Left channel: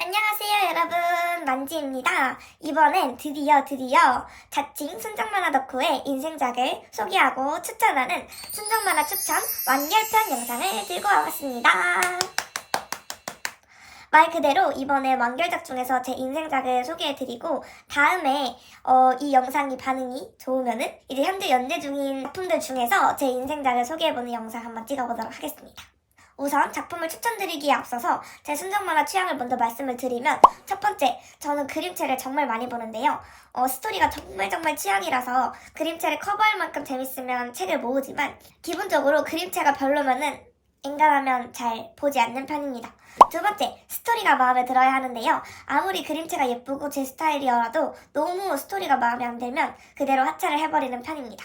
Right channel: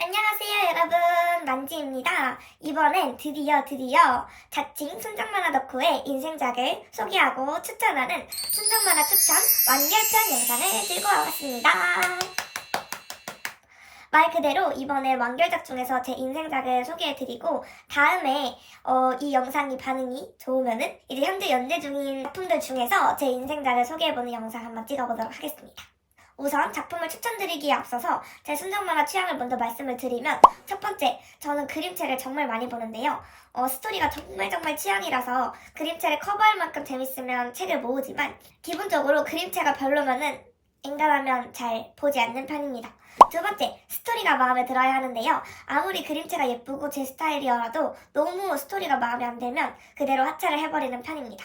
안녕하세요 여러분 만지입니다. 이번엔 드디어 드디어 자칭 순정만화 덕후의 인생작을 소개하고 추천하는 순정만화 추천 완결편 영상을 들고 와봤습니다. 말 그대로 이번에 완결작 중에서 제 인생작을 소개해드리고 다음에 어, 이 영상이 반응이 좋으면은 이제 현재 연재 중인 작품들 중에서 제 인생작을 소개해보는 영상 한번 찍어보도록 하겠습니다. 우선 작품을 추천드리기에 앞서서 제 순정만화 취향을 먼저 말씀을 드리면 첫 번째, 저는 그림체를 정말 많이 보는데요. 어, 스토리가 정말 정말 취향이라서 그림체를 커버할 만큼 재밌으면 책을 모으지만 기본적으로 그림체가 별로면은 엔간하면 잘 보지 않는 편입니다. 두 번째, 스토리가 마음에 들어야 하는데요. 아무리 그림체가 예쁘고 제 스타일이어도 너무 스토리가 마음에 안 들면 그대로 하차를 해버리는 편입니다.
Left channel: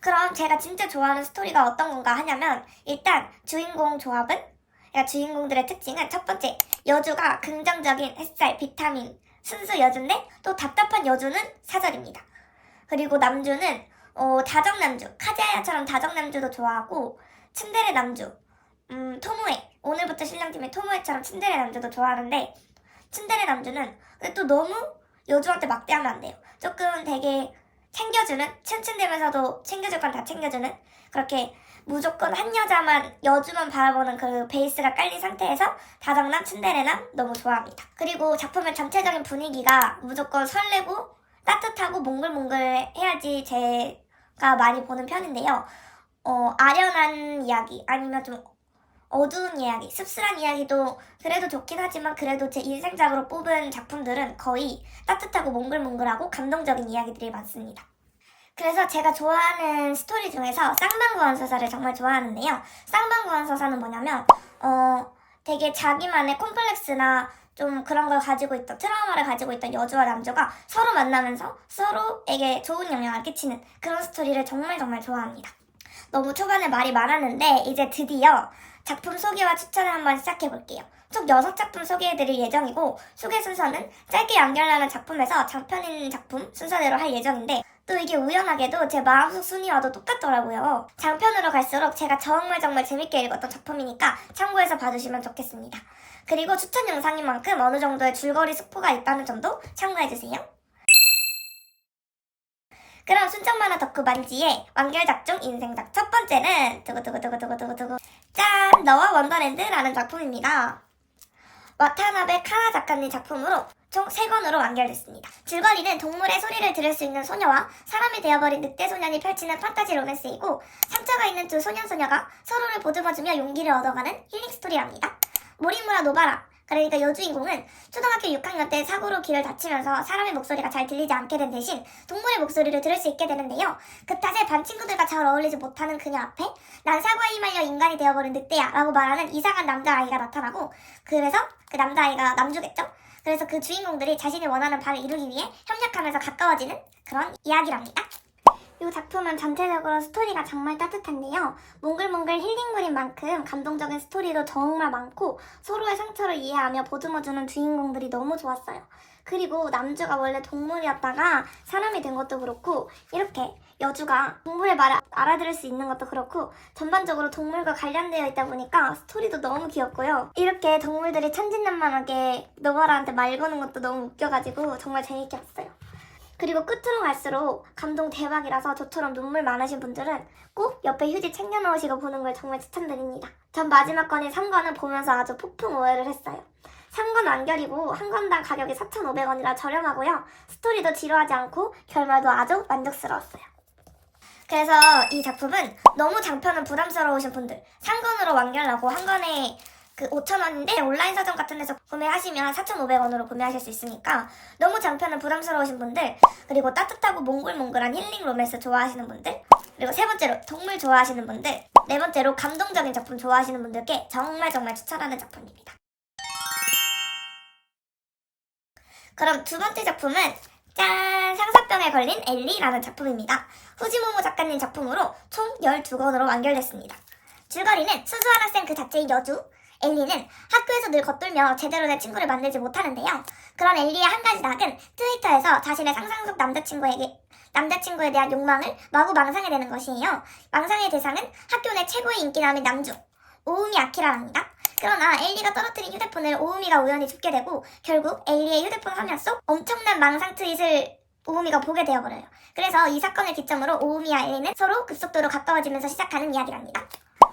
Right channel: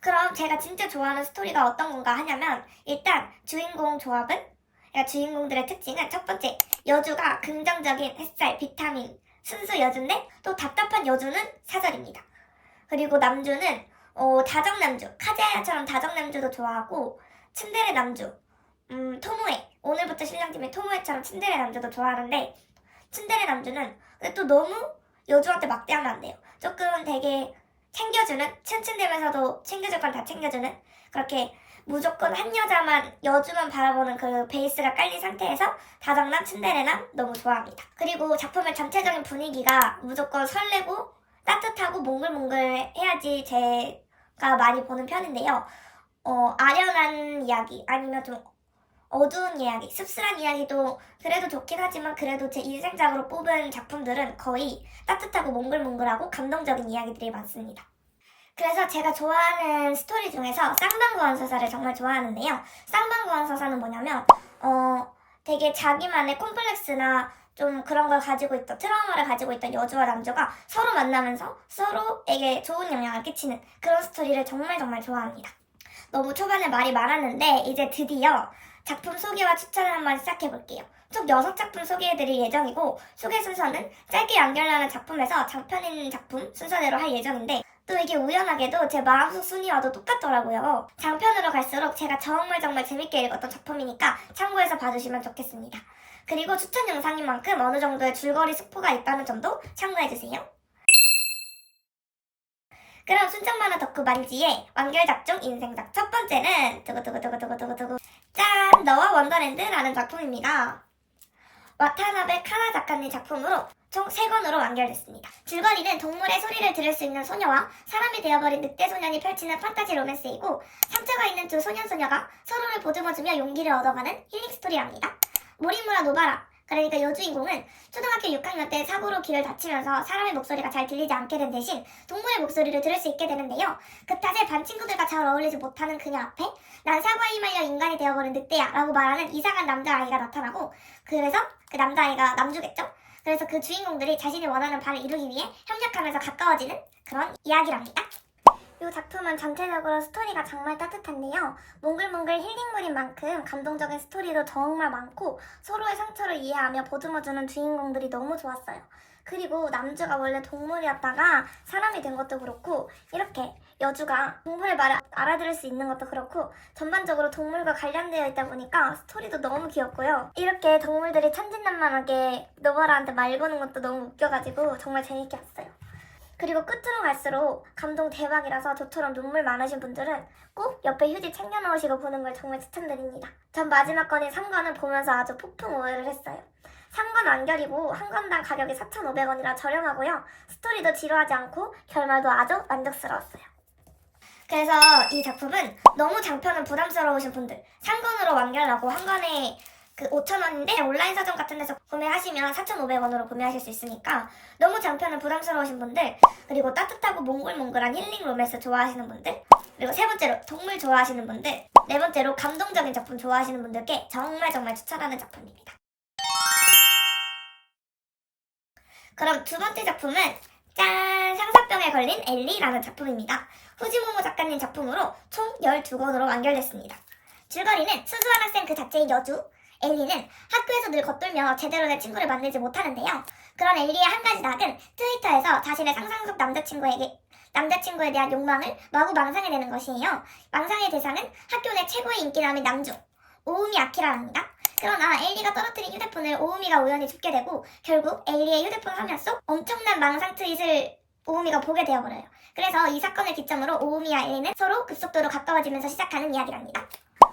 그럼 제가 진짜 좋아하는 스토리가 어떤 건가 하냐면 일단 주인공 조합은 그러니까 주인공들의 특징은 첫 번째 여주가 긍정적인 햇살, 비타민, 순수 여주인데 또 답답한 여주는 사절입니다. 그리고 남주는 어, 다정남주, 카즈야야처럼 다정남주도 좋아하고 츤데레 남주, 음, 토모에 오늘부터 신랑팀의 토모에처럼 츤데레 남주도 좋아하는데 츤데레 남주는 또 너무 여주한테 막대하면 안 돼요. 조금 되게 챙겨주는 츤츤대면서도 챙겨줄 건 다 챙겨주는 그렇게 무조건 한 여자만 여주만 바라보는 그 베이스가 깔린 상태에서 다정남 츤데레남 너무 좋아합니다. 그리고 작품의 전체적인 분위기가 무조건 설레고 따뜻하고 몽글몽글 해야지 제가 많이 보는 편인데요. 어, 아련한 이야기 아니면 좀 어두운 이야기, 씁쓸한 이야기도 그래도 좋긴 하지만 그래도 제 인생작으로 뽑은 작품들은 거의 따뜻하고 몽글몽글하고 감동적인 이야기들이 많습니다. 그래서 제가 좋아하는 스토리 중에서 쌍방구한 서사를 정말 좋아하는데요. 쌍방구한 서사는 뭐냐면 어 되게 자기만의 콤플렉스나 좀 그런 걸 가지고 있던 트라우마를 가지고 있던 여주와 남주가 서로 만나면서 서로에게 좋은 영향을 끼치는 그런 스토리를 정말 정말 좋아합니다. 너무 초반에 말이 많았는데 이제 드디어 작품 소개와 추천을 한번 시작해 볼게요. 총 6작품 소개해드릴 예정이고 소개 순서는 짧게 연결하는 작품에서 장편인 작품 순서대로 할 예정인데 또 이게 우연하게도 제 마음속 순위와도 똑같더라고요. 장편으로 갈수록 제가 정말 정말 재밌게 읽었던 작품이니까 참고해서 봐주시면 좋겠습니다. 그리고 추천 영상인 만큼 어느 정도의 줄거리 스포가 있다는 점도 참고해주세요. 그럼 순정만화 덕후 만지의 완결작 중 인생작 첫 번째는 두구두구두구두구두구두구 짠! 너와 원더랜드라는 작품입니다. 와타나베 카나 작가님 작품으로 총 3권으로 완결됐습니다. 줄거리는 동물의 소리를 들을 수 있는 소녀와 사람이 되어버린 늑대 소년이 펼치는 판타지 로맨스이고 상처가 있는 두 소년 소녀가 서로를 보듬어주며 용기를 얻어가는 힐링 스토리랍니다. 모리무라 노바라 그러니까 여주인공은 초등학교 6학년 때 사고로 귀를 다치면서 사람의 목소리가 잘 들리지 않게 된 대신 동물의 목소리를 들을 수 있게 되는데요. 그 탓에 반 친구들과 잘 어울리지 못하는 그녀 앞에 난 사과에 휘말려 인간이 되어버린 늑대야 라고 말하는 이상한 남자아이가 나타나고 그래서 그 남자아이가 남주겠죠? 그래서 그 주인공들이 자신이 원하는 바를 이루기 위해 협력하면서 가까워지는 그런 이야기랍니다. 이 작품은 전체적으로 스토리가 정말 따뜻한데요. 몽글몽글 힐링물인 만큼 감동적인 스토리도 정말 많고 서로의 상처를 이해하며 보듬어주는 주인공들이 너무 좋았어요. 그리고 남주가 원래 동물이었다가 사람이 된 것도 그렇고 이렇게 여주가 동물의 말을 알아들을 수 있는 것도 그렇고 전반적으로 동물과 관련되어 있다 보니까 스토리도 너무 귀엽고요. 이렇게 동물들이 천진난만하게 노바라한테 말 거는 것도 너무 웃겨가지고 정말 재밌게 봤어요. 그리고 끝으로 갈수록 감동 대박이라서 저처럼 눈물 많으신 분들은 꼭 옆에 휴지 챙겨놓으시고 보는 걸 정말 추천드립니다. 전 마지막 건인 3권을 보면서 아주 폭풍 오해를 했어요. 3권 완결이고 한 권당 가격이 4,500원이라 저렴하고요. 스토리도 지루하지 않고 결말도 아주 만족스러웠어요. 그래서 이 작품은 너무 장편은 부담스러우신 분들 3권으로 완결하고 한 권에 그 5,000원인데 온라인 서점 같은 데서 구매하시면 4,500원으로 구매하실 수 있으니까 너무 장편은 부담스러우신 분들 그리고 따뜻하고 몽글몽글한 힐링 로맨스 좋아하시는 분들 그리고 세 번째로 동물 좋아하시는 분들 네 번째로 감동적인 작품 좋아하시는 분들께 정말 정말 추천하는 작품입니다. 그럼 두 번째 작품은 짠! 상사병에 걸린 엘리라는 작품입니다. 후지모모 작가님 작품으로 총 12권으로 완결됐습니다. 줄거리는 순수한 학생 그 자체인 여주, 엘리는 학교에서 늘 겉돌며 제대로 된 친구를 만들지 못하는데요. 그런 엘리의 한 가지 낙은 트위터에서 자신의 상상 속 남자친구에게 남자친구에 대한 욕망을 마구 망상해 내는 것이에요. 망상의 대상은 학교 내 최고의 인기남인 남주 오우미 아키라랍니다. 그러나 엘리가 떨어뜨린 휴대폰을 오우미가 우연히 줍게 되고 결국 엘리의 휴대폰 화면 속 엄청난 망상 트윗을 오우미가 보게 되어버려요. 그래서 이 사건을 기점으로 오우미와 엘리는 서로 급속도로 가까워지면서 시작하는 이야기랍니다.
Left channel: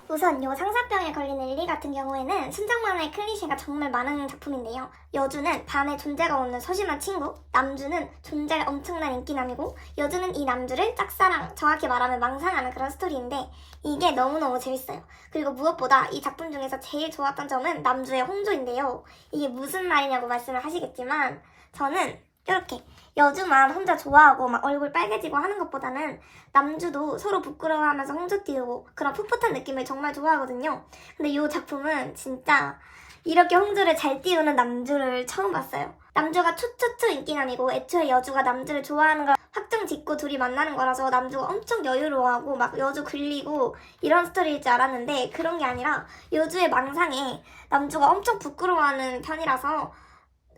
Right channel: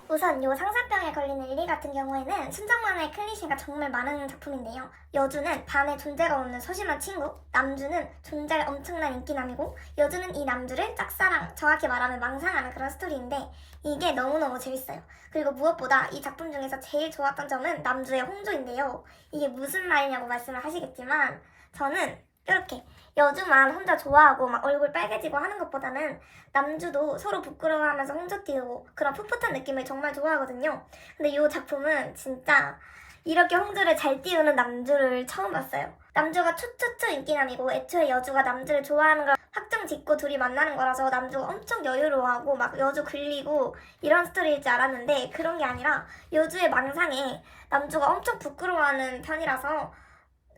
우선 요 상사병에 걸린 엘리 같은 경우에는 순정만화의 클리셰가 정말 많은 작품인데요. 여주는 반에 존재가 없는 소심한 친구, 남주는 존재가 엄청난 인기남이고 여주는 이 남주를 짝사랑, 정확히 말하면 망상하는 그런 스토리인데 이게 너무너무 재밌어요. 그리고 무엇보다 이 작품 중에서 제일 좋았던 점은 남주의 홍조인데요. 이게 무슨 말이냐고 말씀을 하시겠지만 저는 이렇게 여주만 혼자 좋아하고 막 얼굴 빨개지고 하는 것보다는 남주도 서로 부끄러워하면서 홍조 띄우고 그런 풋풋한 느낌을 정말 좋아하거든요. 근데 이 작품은 진짜 이렇게 홍조를 잘 띄우는 남주를 처음 봤어요. 남주가 초초초 인기남이고 애초에 여주가 남주를 좋아하는 걸 확정 짓고 둘이 만나는 거라서 남주가 엄청 여유로워하고 막 여주 굴리고 이런 스토리일 줄 알았는데 그런 게 아니라 여주의 망상에 남주가 엄청 부끄러워하는 편이라서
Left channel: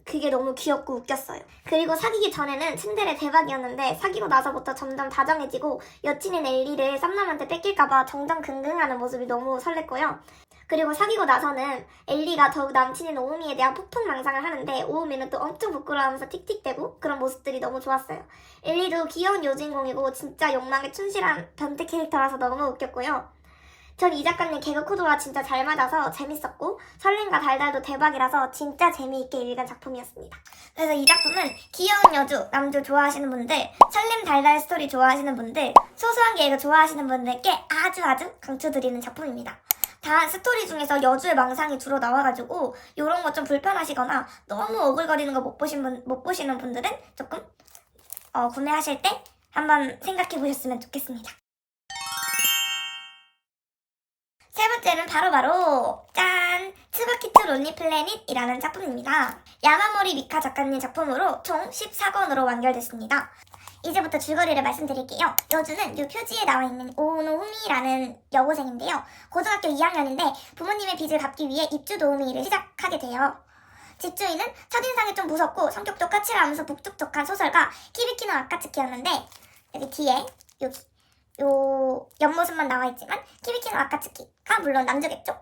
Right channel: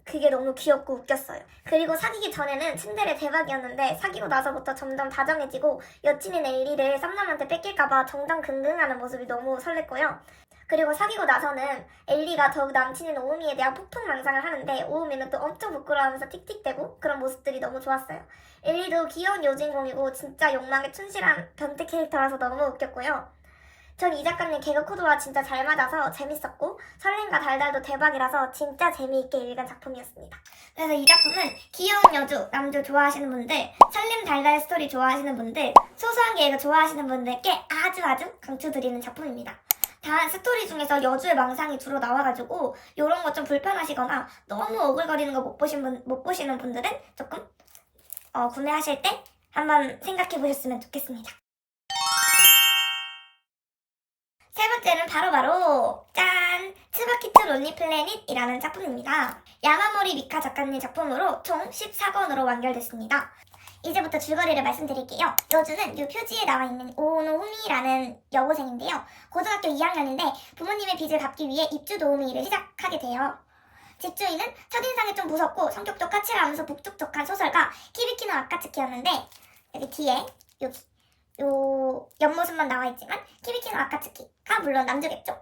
그게 너무 귀엽고 웃겼어요. 그리고 사귀기 전에는 츤데레 대박이었는데 사귀고 나서부터 점점 다정해지고 여친인 엘리를 쌈남한테 뺏길까봐 정정긍긍하는 모습이 너무 설렜고요. 그리고 사귀고 나서는 엘리가 더욱 남친인 오우미에 대한 폭풍 망상을 하는데 오우미는 또 엄청 부끄러워하면서 틱틱대고 그런 모습들이 너무 좋았어요. 엘리도 귀여운 여주인공이고 진짜 욕망에 충실한 변태 캐릭터라서 너무 웃겼고요. 전 이 작가님 개그 코드와 진짜 잘 맞아서 재밌었고 설렘과 달달도 대박이라서 진짜 재미있게 읽은 작품이었습니다. 그래서 이 작품은 귀여운 여주, 남주 좋아하시는 분들, 설렘 달달 스토리 좋아하시는 분들, 소소한 개그 좋아하시는 분들께 아주 아주 강추드리는 작품입니다. 단 스토리 중에서 여주의 망상이 주로 나와가지고 이런 거 좀 불편하시거나 너무 오글거리는 거 못 보신 분, 못 보시는 분들은 조금 어, 구매하실 때 한번 생각해 보셨으면 좋겠습니다. 세 번째는 바로 바로 짠! 츠바키트 론리 플래닛이라는 작품입니다. 야마모리 미카 작가님 작품으로 총 14권으로 완결됐습니다. 이제부터 줄거리를 말씀드릴게요. 여주는 이 표지에 나와 있는 오노후미라는 여고생인데요. 고등학교 2학년인데 부모님의 빚을 갚기 위해 입주 도우미 일을 시작하게 돼요. 집주인은 첫인상이 좀 무섭고 성격도 까칠하면서 북적북적한 소설가 키리키노 아카츠키였는데 여기 뒤에 여기 요 옆모습만 나와 있지만 키리키노 아카츠키가 물론 남주겠죠.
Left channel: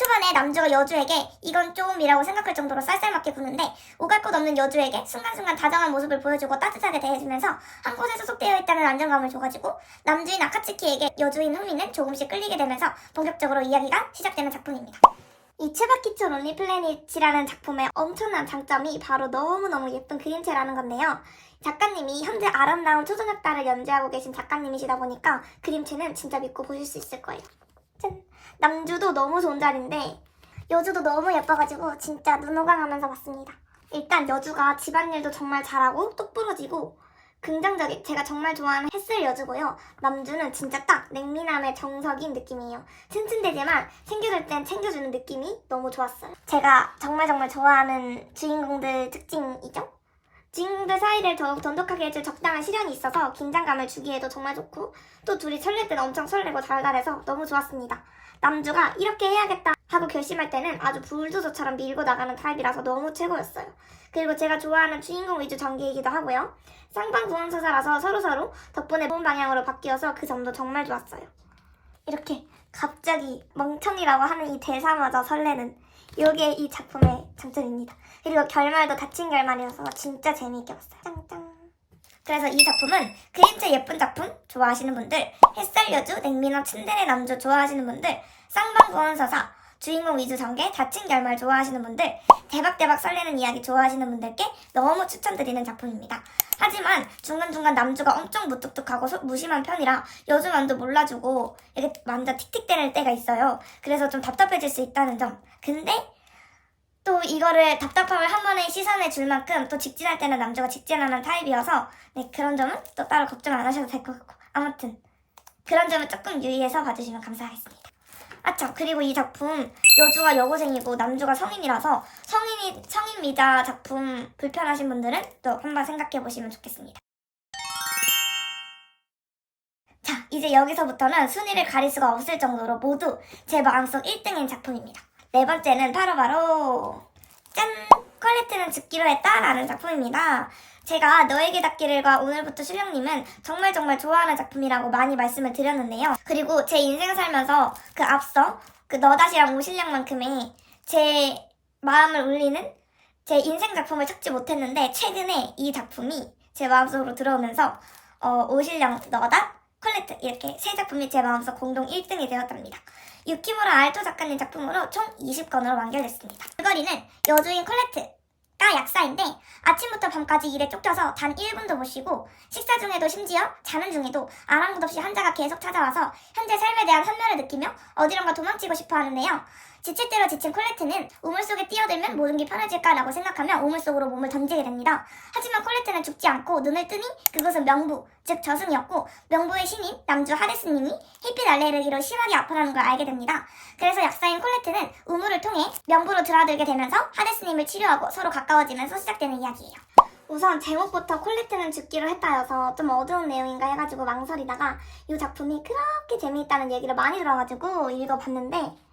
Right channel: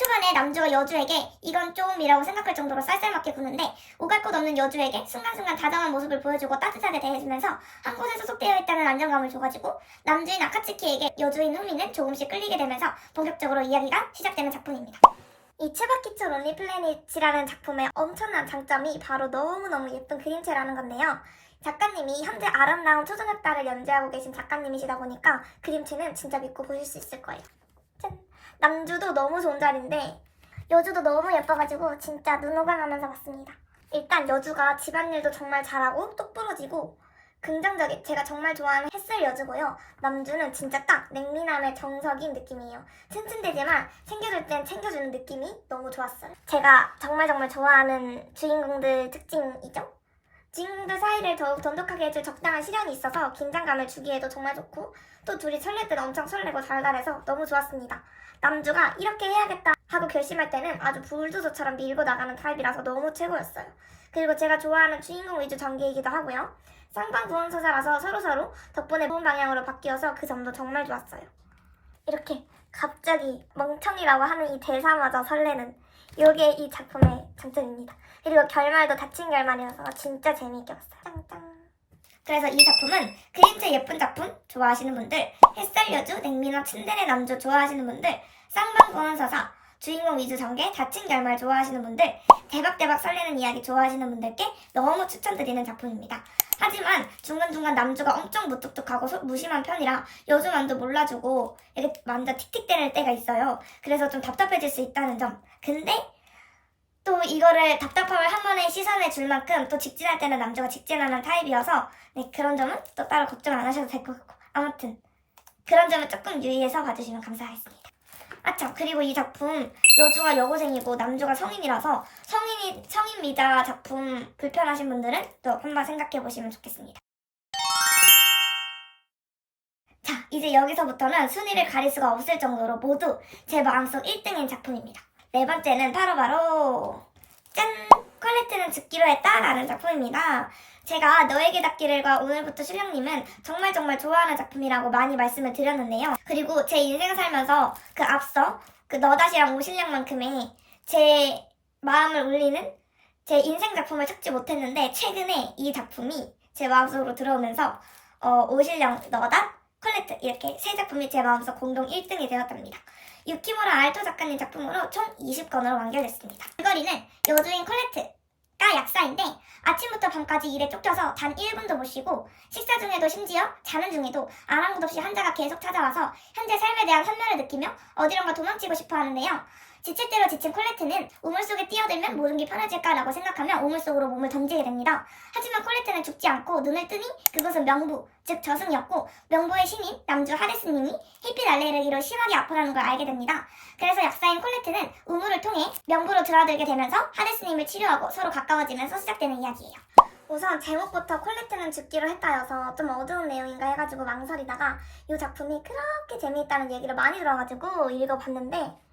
초반에 남주가 여주에게 이건 좀이라고 생각할 정도로 쌀쌀맞게 구는데 오갈 곳 없는 여주에게 순간순간 다정한 모습을 보여주고 따뜻하게 대해주면서 한 곳에 소속되어 있다는 안정감을 줘가지고 남주인 아카츠키에게 여주인 후미는 조금씩 끌리게 되면서 본격적으로 이야기가 시작되는 작품입니다. 이 츠바키초 론리 플래닛이라는 작품의 엄청난 장점이 바로 너무너무 예쁜 그림체라는 건데요. 작가님이 현재 아름다운 초저녁달을 연재하고 계신 작가님이시다 보니까 그림체는 진짜 믿고 보실 수 있을 거예요. 짠! 남주도 너무 좋은 자리인데 여주도 너무 예뻐가지고 진짜 눈호강하면서 봤습니다. 일단 여주가 집안일도 정말 잘하고 똑부러지고 긍정적인 제가 정말 좋아하는 햇슬 여주고요. 남주는 진짜 딱 냉미남의 정석인 느낌이에요. 튼튼되지만 챙겨줄 땐 챙겨주는 느낌이 너무 좋았어요. 제가 정말 정말 좋아하는 주인공들 특징이죠. 주인공들 사이를 더욱 돈독하게 해줄 적당한 시련이 있어서 긴장감을 주기에도 정말 좋고 또 둘이 설렐 때는 엄청 설레고 달달해서 너무 좋았습니다. 남주가 이렇게 해야겠다 하고 결심할 때는 아주 불도저처럼 밀고 나가는 타입이라서 너무 최고였어요. 그리고 제가 좋아하는 주인공 위주 전개이기도 하고요. 쌍방구원 소사라서 서로서로 덕분에 좋은 방향으로 바뀌어서 그 점도 정말 좋았어요. 이렇게 갑자기 멍청이라고 하는 이 대사마저 설레는 이게 이 작품의 장점입니다. 그리고 결말도 닫힌 결말이어서 진짜 재미있게 봤어요. 짱짱. 그래서 이 작품은 그림체 예쁜 작품 좋아하시는 분들, 햇살 여주, 냉미나 츤데레 남주 좋아하시는 분들, 쌍방구원 서사, 주인공 위주 전개, 닫힌 결말 좋아하시는 분들, 대박대박 설레는 이야기 좋아하시는 분들께 너무 추천드리는 작품입니다. 하지만 중간중간 남주가 엄청 무뚝뚝하고 소- 무심한 편이라 여주만도 몰라주고 이렇게 완전 틱틱대는 때가 있어요. 그래서 좀 답답해질 수 있다는 점. 근데 또 이거를 답답함을 한 번에 시선해 줄 만큼 또 직진할 때는 남주가 직진하는 타입이어서 네, 그런 점은 또 따로 걱정 안 하셔도 될 것 같고 아무튼 그런 점은 조금 유의해서 봐주시면 감사하겠습니다. 아참 그리고 이 작품 여주가 여고생이고 남주가 성인이라서 성인이 성인 미자 작품 불편하신 분들은 또 한번 생각해 보시면 좋겠습니다. 자 이제 여기서부터는 순위를 가릴 수가 없을 정도로 모두 제 마음속 1등인 작품입니다. 네 번째는 바로바로 짠! 퀄리티는 죽기로 했다라는 작품입니다. 제가 너에게 닿기를과 오늘부터 실령님은 정말 정말 좋아하는 작품이라고 많이 말씀을 드렸는데요. 그리고 제 인생 살면서 그 앞서 그 너다시랑 오실령만큼의 제 마음을 울리는 제 인생 작품을 찾지 못했는데 최근에 이 작품이 제 마음속으로 들어오면서 어, 오실령 너다 콜레트 이렇게 세 작품이 제 마음속 공동 1등이 되었답니다. 유키무라 알토 작가님 작품으로 총 20권으로 완결됐습니다. 줄거리는 여주인 콜레트 가 약사인데 아침부터 밤까지 일에 쫓겨서 단 1분도 못 쉬고 식사 중에도 심지어 자는 중에도 아랑곳 없이 환자가 계속 찾아와서 현재 삶에 대한 환멸을 느끼며 어디론가 도망치고 싶어 하는데요. 지칠 대로 지친 콜레트는 우물 속에 뛰어들면 모든 게 편해질까라고 생각하며 우물 속으로 몸을 던지게 됩니다. 하지만 콜레트는 죽지 않고 눈을 뜨니 그곳은 명부, 즉 저승이었고 명부의 신인 남주 하데스님이 햇빛 알레르 기로 심하게 아프다는 걸 알게 됩니다. 그래서 약사인 콜레트는 우물을 통해 명부로 들어들게 되면서 하데스님을 치료하고 서로 가까워지면서 시작되는 이야기예요. 우선 제목부터 콜레트는 죽기로 했다여서 좀 어두운 내용인가 해가지고 망설이다가 이 작품이 그렇게 재미있다는 얘기를 많이 들어가지고 읽어봤는데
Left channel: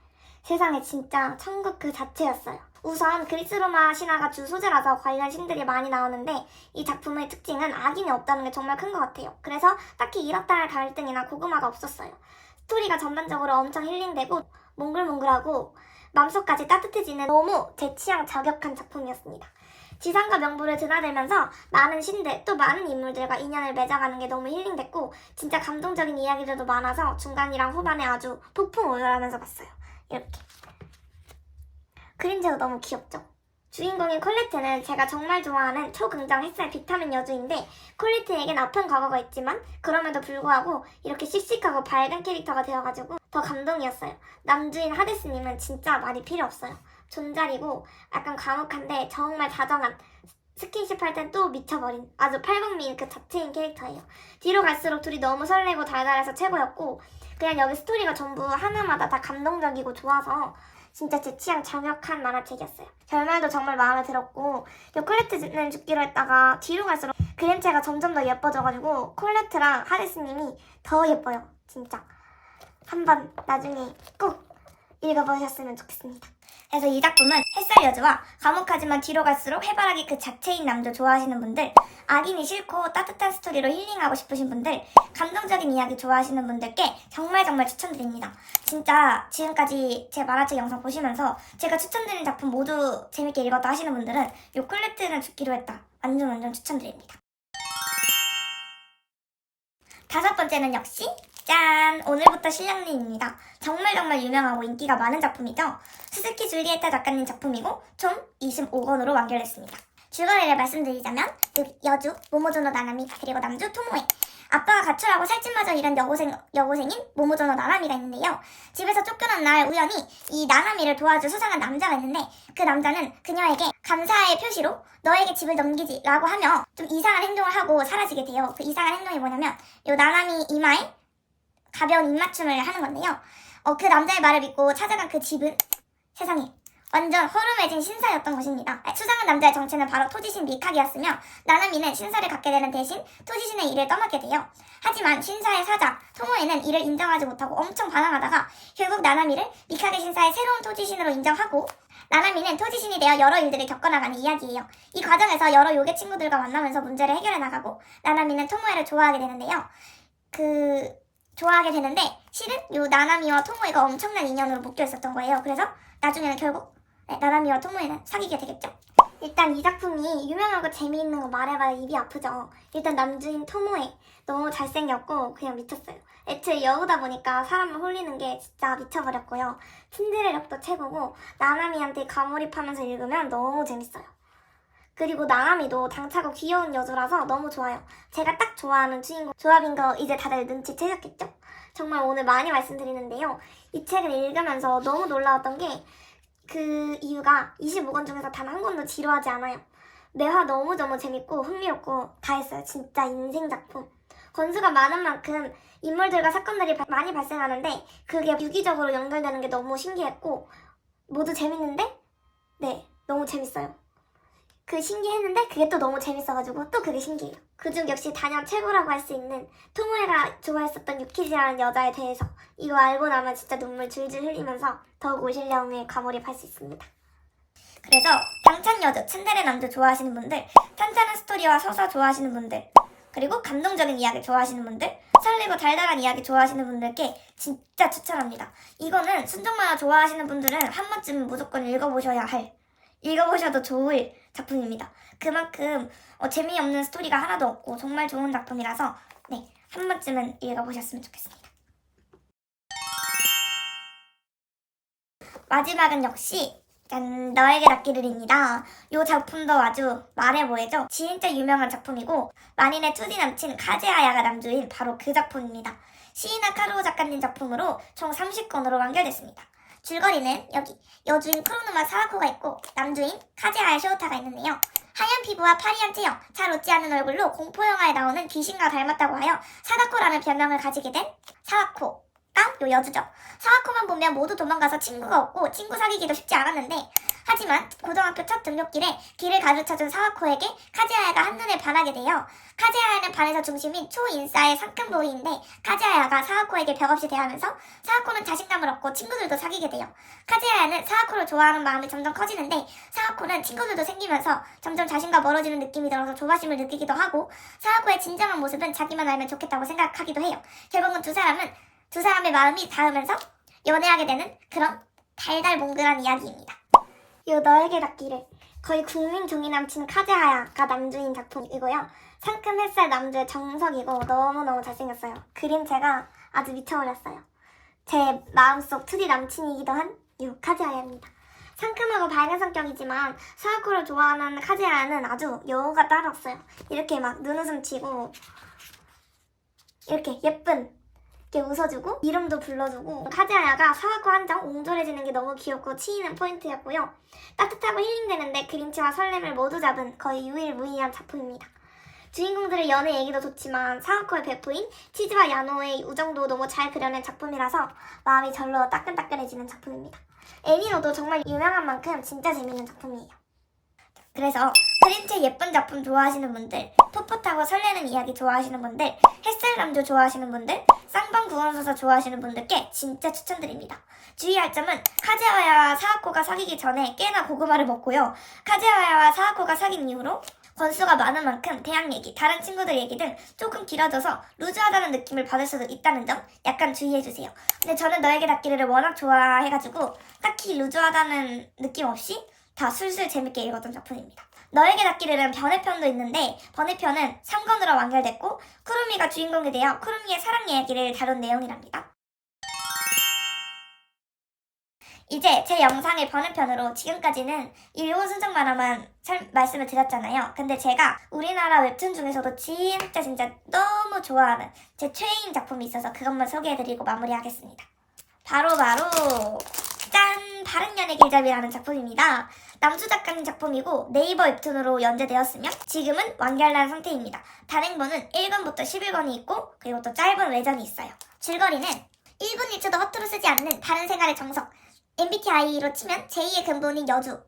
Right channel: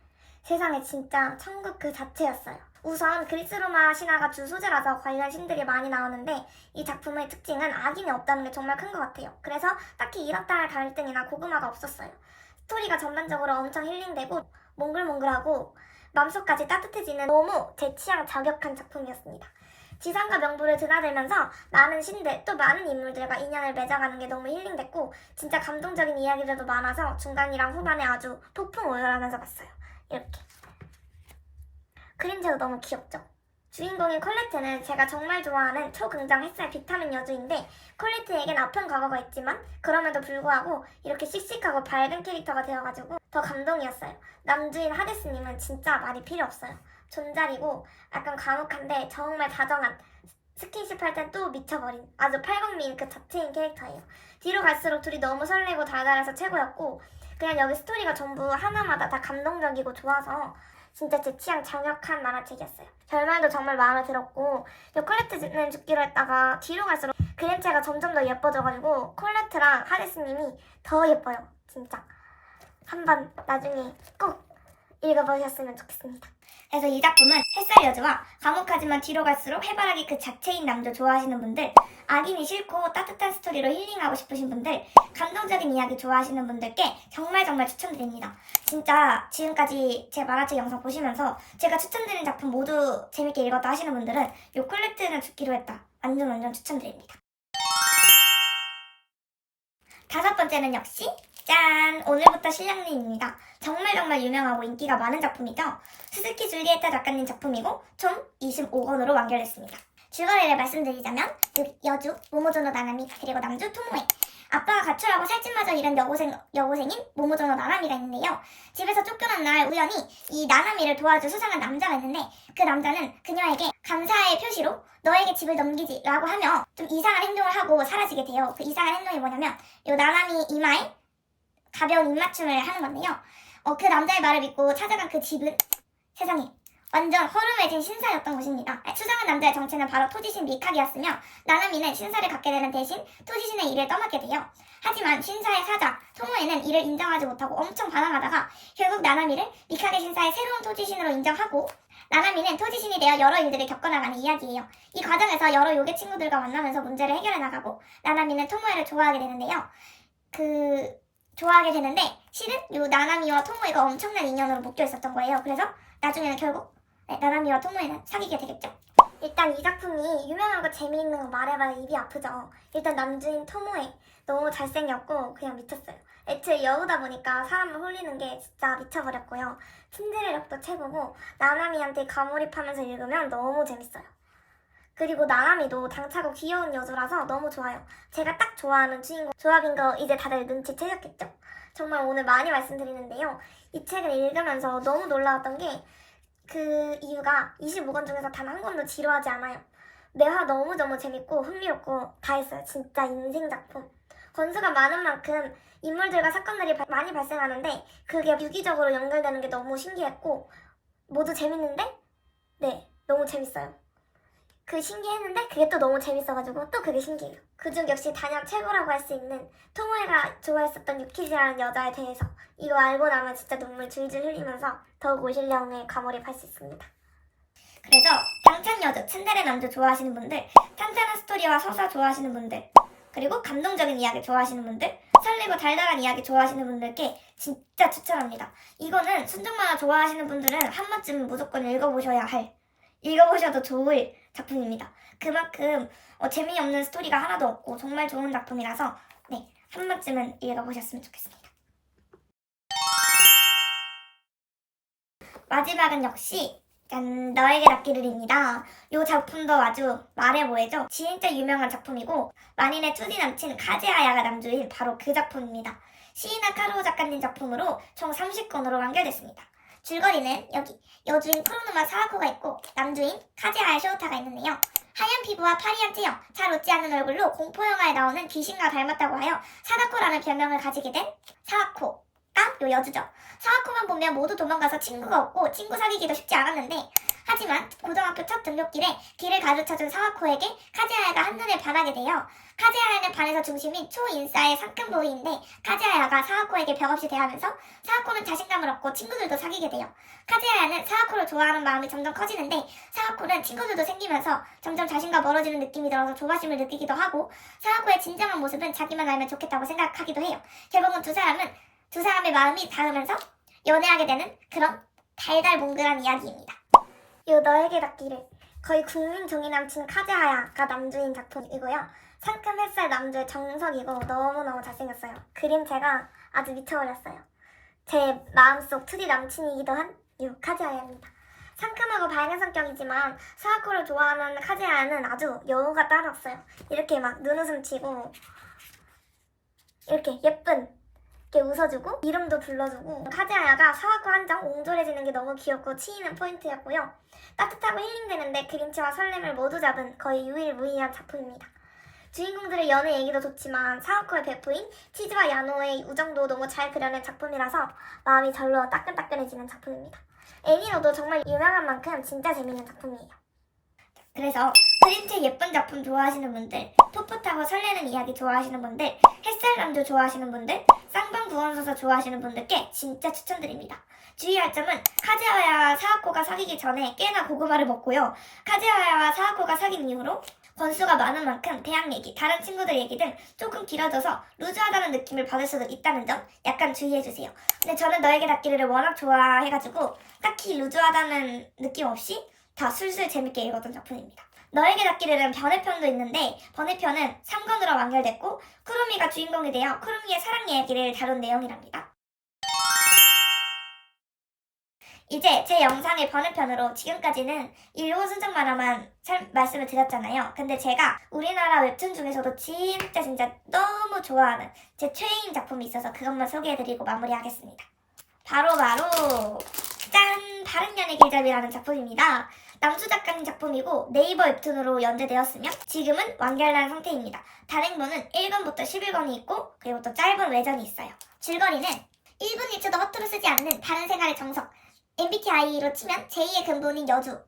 세상에 진짜 천국 그 자체였어요. 우선 그리스 로마 신화가 주 소재라서 관련 신들이 많이 나오는데 이 작품의 특징은 악인이 없다는 게 정말 큰 것 같아요. 그래서 딱히 이렇다 할 갈등이나 고구마가 없었어요. 스토리가 전반적으로 엄청 힐링되고 몽글몽글하고 맘속까지 따뜻해지는 너무 제 취향 저격한 작품이었습니다. 지상과 명부를 드나들면서 많은 신들 또 많은 인물들과 인연을 맺어가는 게 너무 힐링됐고 진짜 감동적인 이야기들도 많아서 중간이랑 후반에 아주 폭풍 오열하면서 봤어요. 이렇게 그림체도 너무 귀엽죠? 주인공인 콜레트는 제가 정말 좋아하는 초긍정 햇살 비타민 여주인데 콜레트에겐 아픈 과거가 있지만 그럼에도 불구하고 이렇게 씩씩하고 밝은 캐릭터가 되어가지고 더 감동이었어요. 남주인 하데스님은 진짜 말이 필요 없어요. 존잘이고 약간 과묵한데 정말 다정한 스킨십 할 땐 또 미쳐버린 아주 팔방미인 그 자체인 캐릭터예요. 뒤로 갈수록 둘이 너무 설레고 달달해서 최고였고 그냥 여기 스토리가 전부 하나마다 다 감동적이고 좋아서 진짜 제 취향 정확한 만화책이었어요. 결말도 정말 마음에 들었고 이 콜레트는 죽기로 했다가 뒤로 갈수록 그림체가 점점 더 예뻐져가지고 콜레트랑 하데스님이 더 예뻐요. 진짜 한번 나중에 꼭 읽어보셨으면 좋겠습니다. 그래서 이 작품은 햇살 여주와 과묵하지만 뒤로 갈수록 해바라기 그 자체인 남자 좋아하시는 분들, 악인이 싫고 따뜻한 스토리로 힐링하고 싶으신 분들, 감동적인 이야기 좋아하시는 분들께 정말 정말 추천드립니다. 진짜 지금까지 제 만화책 영상 보시면서 제가 추천드린 작품 모두 재밌게 읽었다 하시는 분들은 요 콜렉트는 죽기로 했다. 완전 완전 추천드립니다. 다섯 번째는 역시 짠! 오늘부터 실력님입니다. 정말 정말 유명하고 인기가 많은 작품이죠. 스즈키 줄리에타 작가님 작품이고 총 25권으로 완결됐습니다. 줄거리를 말씀드리자면 그 여주, 모모조노 나나미, 그리고 남주 토모에 아빠가 가출하고 살찐마저 일한 여고생, 여고생인 모모조노 나나미가 있는데요. 집에서 쫓겨난 날 우연히 이 나나미를 도와줄 수상한 남자가 있는데 그 남자는 그녀에게 감사의 표시로 너에게 집을 넘기지 라고 하며 좀 이상한 행동을 하고 사라지게 돼요. 그 이상한 행동이 뭐냐면 이 나나미 이마에 가벼운 입맞춤을 하는 건데요. 어, 그 남자의 말을 믿고 찾아간 그 집은 세상에 완전 허름해진 신사였던 것입니다. 수상한 남자의 정체는 바로 토지신 미카기였으며 나나미는 신사를 갖게 되는 대신 토지신의 일을 떠맡게 돼요. 하지만 신사의 사자 토모에는 이를 인정하지 못하고 엄청 반항하다가 결국 나나미를 미카게 신사의 새로운 토지신으로 인정하고 나나미는 토지신이 되어 여러 일들을 겪어나가는 이야기예요. 이 과정에서 여러 요괴 친구들과 만나면서 문제를 해결해 나가고 나나미는 토모에를 좋아하게 되는데요. 그 좋아하게 되는데 실은 요 나나미와 토모에가 엄청난 인연으로 묶여 있었던 거예요. 그래서 나중에는 결국 네, 나나미와 토모에는 사귀게 되겠죠. 일단 이 작품이 유명하고 재미있는 거 말해봐야 입이 아프죠. 일단 남주인 토모에 너무 잘생겼고 그냥 미쳤어요. 애초에 여우다 보니까 사람을 홀리는 게 진짜 미쳐버렸고요. 틴드레력도 최고고 나나미한테 가몰입하면서 읽으면 너무 재밌어요. 그리고 나나미도 당차고 귀여운 여주라서 너무 좋아요. 제가 딱 좋아하는 주인공 조합인 거 이제 다들 눈치채셨겠죠? 정말 오늘 많이 말씀드리는데요. 이 책을 읽으면서 너무 놀라웠던 게 그 이유가 25권 중에서 단 한 권도 지루하지 않아요. 매화 너무너무 재밌고 흥미롭고 다 했어요. 진짜 인생 작품. 권수가 많은 만큼 인물들과 사건들이 바- 많이 발생하는데 그게 유기적으로 연결되는 게 너무 신기했고 모두 재밌는데 네 너무 재밌어요. 그 신기했는데 그게 또 너무 재밌어가지고 또 그게 신기해요. 그중 역시 단연 최고라고 할 수 있는 토모에가 좋아했었던 유키지라는 여자에 대해서 이거 알고 나면 진짜 눈물 줄줄 흘리면서 더욱 오실령에 가몰입할 수 있습니다. 그래서 당찬 여자, 츤데레 남자 좋아하시는 분들, 탄탄한 스토리와 서사 좋아하시는 분들, 그리고 감동적인 이야기 좋아하시는 분들, 설레고 달달한 이야기 좋아하시는 분들께 진짜 추천합니다. 이거는 순정 만화 좋아하시는 분들은 한 번쯤은 무조건 읽어보셔야 할, 읽어보셔도 좋을 작품입니다. 그만큼 어, 재미없는 스토리가 하나도 없고 정말 좋은 작품이라서 네, 한 번쯤은 읽어보셨으면 좋겠습니다. 마지막은 역시 짠, 너에게 닿기를입니다. 이 작품도 아주 말해 보이죠? 진짜 유명한 작품이고 만인의 투디 남친 카즈하야가 남주인 바로 그 작품입니다. 시이나 카루오 작가님 작품으로 총 30권으로 완결됐습니다. 줄거리는 여기 여주인 크로노마 사와코가 있고 남주인 카즈하야 쇼우타가 있는데요. 하얀 피부와 파리한 체형, 잘 웃지 않는 얼굴로 공포 영화에 나오는 귀신과 닮았다고 하여 사다코라는 별명을 가지게 된 사와코가 요 여주죠. 사와코만 보면 모두 도망가서 친구가 없고 친구 사귀기도 쉽지 않았는데 하지만 고등학교 첫 등록길에 길을 가르쳐준 사와코에게 카즈하야가 한눈에 반하게 돼요. 카즈하야는 반에서 중심인 초인싸의 상큼보이인데 카즈하야가 사와코에게 벽없이 대하면서 사와코는 자신감을 얻고 친구들도 사귀게 돼요. 카즈하야는 사와코를 좋아하는 마음이 점점 커지는데 사와코는 친구들도 생기면서 점점 자신과 멀어지는 느낌이 들어서 조바심을 느끼기도 하고 사와코의 진정한 모습은 자기만 알면 좋겠다고 생각하기도 해요. 결국은 두 사람은 두 사람의 마음이 닿으면서 연애하게 되는 그런 달달몽글한 이야기입니다. 이 너에게 닿기를 거의 국민 종이 남친 카즈하야가 남주인 작품이고요. 상큼 햇살 남주의 정석이고 너무너무 잘생겼어요. 그림체가 아주 미쳐버렸어요. 제 마음속 투디 남친이기도 한이 카즈하야입니다. 상큼하고 밝은 성격이지만 사와코를 좋아하는 카즈하야는 아주 여우가 따로 없어요. 이렇게 막 눈웃음 치고 이렇게 예쁜 이렇게 웃어주고 이름도 불러주고 카즈하야가 사와코 한장 옹졸해지는 게 너무 귀엽고 치이는 포인트였고요. 따뜻하고 힐링되는데 그림체와 설렘을 모두 잡은 거의 유일무이한 작품입니다. 주인공들의 연애 얘기도 좋지만 사와코의 베프인 치즈와 야노의 우정도 너무 잘 그려낸 작품이라서 마음이 절로 따끈따끈해지는 작품입니다. 애니로도 정말 유명한 만큼 진짜 재밌는 작품이에요. 그래서 그림체 예쁜 작품 좋아하시는 분들, 풋풋하고 설레는 이야기 좋아하시는 분들, 햇살남도 좋아하시는 분들, 쌍방 구원소설 좋아하시는 분들께 진짜 추천드립니다. 주의할 점은 카즈하야와 사와코가 사귀기 전에 꽤나 고구마를 먹고요. 카즈하야와 사와코가 사귄 이후로 권수가 많은 만큼 대학 얘기, 다른 친구들 얘기 등 조금 길어져서 루즈하다는 느낌을 받을 수도 있다는 점 약간 주의해주세요. 근데 저는 너에게 닿기를 워낙 좋아해가지고 딱히 루즈하다는 느낌 없이 다 술술 재밌게 읽었던 작품입니다. 너에게 닿기를은 번외편도 있는데 번외편은 3권으로 완결됐고 쿠루미가 주인공이 되어 쿠루미의 사랑 이야기를 다룬 내용이랍니다. 이제 제 영상의 번외편으로 지금까지는 일본 순정 만화만 살- 말씀을 드렸잖아요. 근데 제가 우리나라 웹툰 중에서도 진짜 진짜 너무 좋아하는 제 최애인 작품이 있어서 그것만 소개해드리고 마무리하겠습니다. 바로바로 짠! 바른연의 길잡이라는 작품입니다. 남수 작가님 작품이고 네이버 웹툰으로 연재되었으며 지금은 완결난 상태입니다. 단행본은 1권부터 11권이 있고 그리고 또 짧은 외전이 있어요. 줄거리는 1분 1초도 허투루 쓰지 않는 다른 생활의 정석 MBTI로 치면 제2의 근본인 여주의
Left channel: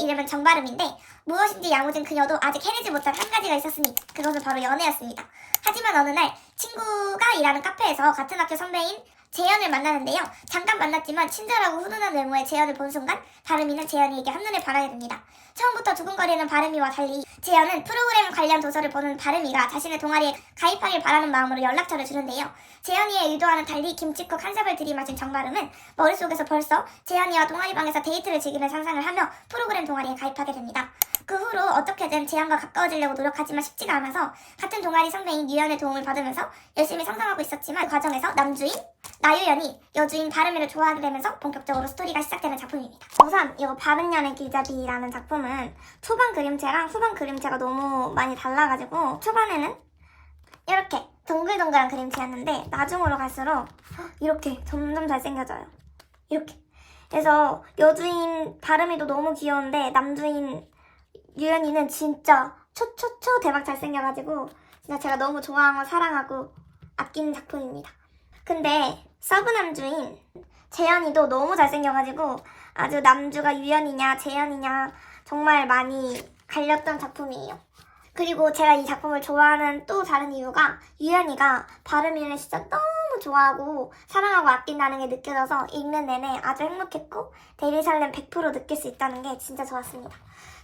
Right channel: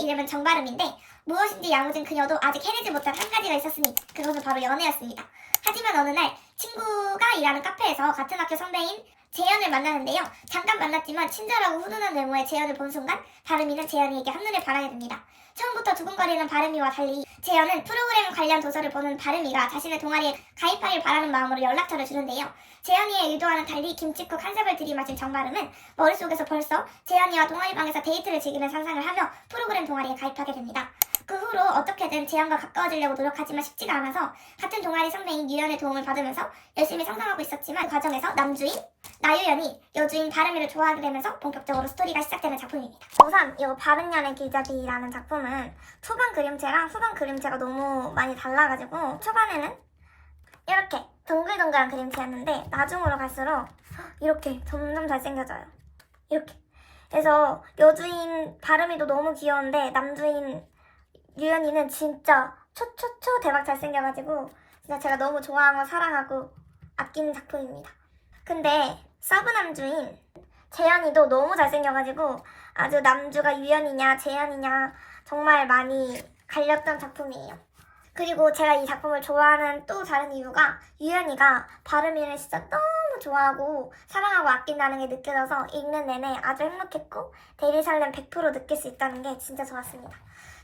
이름은 정발음인데 무엇인지 야무진 그녀도 아직 해내지 못한 한 가지가 있었으니 그것은 바로 연애였습니다. 하지만 어느 날 친구가 일하는 카페에서 같은 학교 선배인 재현을 만나는데요. 잠깐 만났지만 친절하고 훈훈한 외모의 재현을 본 순간 바르미는 재현이에게 한눈에 반하게 됩니다. 처음부터 두근거리는 바르미와 달리 재현은 프로그램 관련 도서를 보는 바르미가 자신의 동아리에 가입하길 바라는 마음으로 연락처를 주는데요. 재현이의 의도와는 달리 김치국 한 삽을 들이마신 정바름은 머릿속에서 벌써 재현이와 동아리방에서 데이트를 즐기는 상상을 하며 프로그램 동아리에 가입하게 됩니다. 그 후로 어떻게든 재현과 가까워지려고 노력하지만 쉽지가 않아서 같은 동아리 선배인 유연의 도움을 받으면서 열심히 상상하고 있었지만 그 과정에서 남주인 나유연이 여주인 바르미를 좋아하게 되면서 본격적으로 스토리가 시작되는 작품입니다. 우선 이 바른년의 길잡이라는 작품은 초반 그림체랑 후반 그림체가 너무 많이 달라가지고 초반에는 이렇게 동글동글한 그림체였는데 나중으로 갈수록 이렇게 점점 잘생겨져요. 이렇게. 그래서 여주인 바르미도 너무 귀여운데 남주인 유연이는 진짜 초초초 대박 잘생겨가지고 진짜 제가 너무 좋아하고 사랑하고 아끼는 작품입니다. 근데 서브 남주인 재현이도 너무 잘생겨가지고 아주 남주가 유연이냐 재현이냐 정말 많이 갈렸던 작품이에요. 그리고 제가 이 작품을 좋아하는 또 다른 이유가 유연이가 바르미를 진짜 너무 좋아하고 사랑하고 아낀다는 게 느껴져서 읽는 내내 아주 행복했고 데뷔 설렘 100% 느낄 수 있다는 게 진짜 좋았습니다.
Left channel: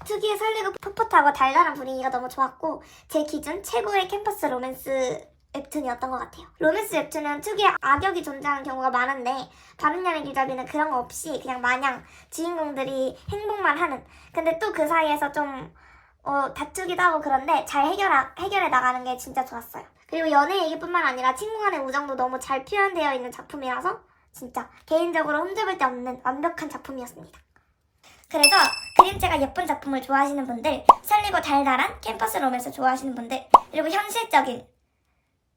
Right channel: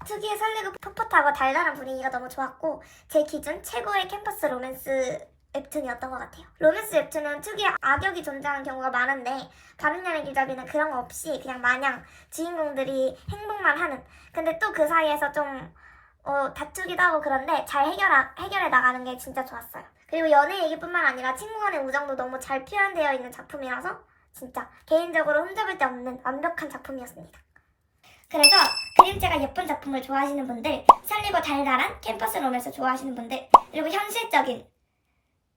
특유의 설레고 풋풋하고 달달한 분위기가 너무 좋았고 제 기준 최고의 캠퍼스 로맨스 웹툰이었던 것 같아요. 로맨스 웹툰은 특유의 악역이 존재하는 경우가 많은데 바른년의 길잡이는 그런 거 없이 그냥 마냥 주인공들이 행복만 하는 근데 또 그 사이에서 좀 어, 다투기도 하고 그런데 잘 해결하, 해결해 나가는 게 진짜 좋았어요. 그리고 연애 얘기뿐만 아니라 친구 간의 우정도 너무 잘 표현되어 있는 작품이라서 진짜 개인적으로 흠잡을 데 없는 완벽한 작품이었습니다. 그래서 그림체가 예쁜 작품을 좋아하시는 분들, 설리고 달달한 캠퍼스 로맨스 좋아하시는 분들, 그리고 현실적인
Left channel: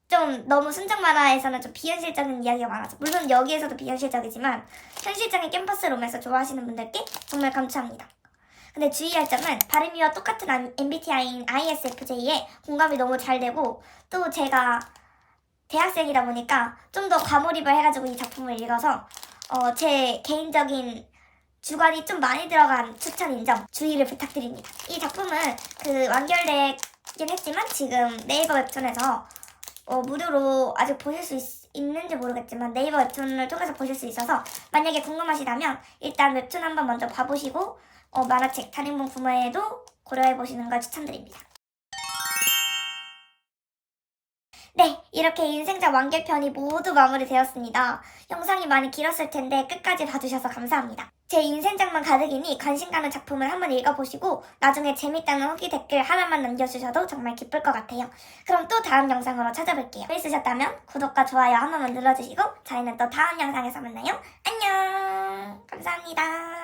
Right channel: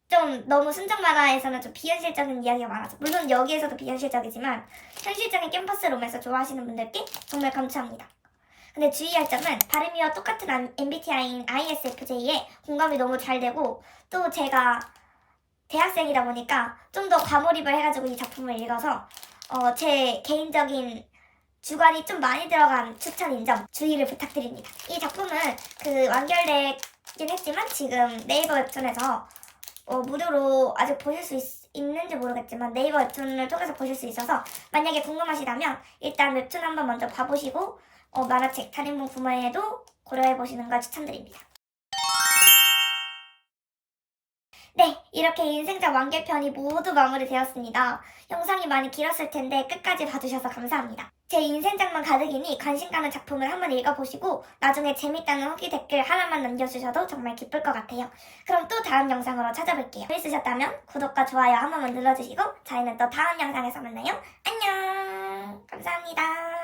좀 너무 순정 만화에서는 좀 비현실적인 이야기가 많아서 물론 여기에서도 비현실적이지만 현실적인 캠퍼스 로맨스 좋아하시는 분들께 정말 감사합니다. 근데 주의할 점은 발음이와 똑같은 MBTI인 ISFJ에 공감이 너무 잘 되고 또 제가 대학생이다 보니까 좀 더 과몰입을 해가지고 이 작품을 읽어서 어, 제 개인적인 주관이 좀 많이 들어간 추천인 점 주의를 부탁드립니다. 이 작품은 그 완결되긴 했지만 지금 네이버 웹툰에서 어, 무료로 아직 보실 수 있, 있는지 모르겠지만 네이버 웹툰을 통해서 보실 수 있어서 만약에 궁금하시다면 일단 웹툰 한번 먼저 봐보시고 어, 만화책 다림본 구매에도 고려해 보시는 걸 추천드립니다. 네, 이렇게 인생작 완결편이 모두 마무리되었습니다. 영상이 많이 길었을 텐데 끝까지 봐주셔서 감사합니다. 제 인생작만 가득이니 관심 가는 작품을 한번 읽어보시고 나중에 재밌다는 후기 댓글 하나만 남겨주셔도 정말 기쁠 것 같아요. 그럼 또 다음 영상으로 찾아뵐게요. 재밌으셨다면 구독과 좋아요 한 번만 눌러주시고 저희는 또 다음 영상에서 만나요. 안녕! 감사합니다.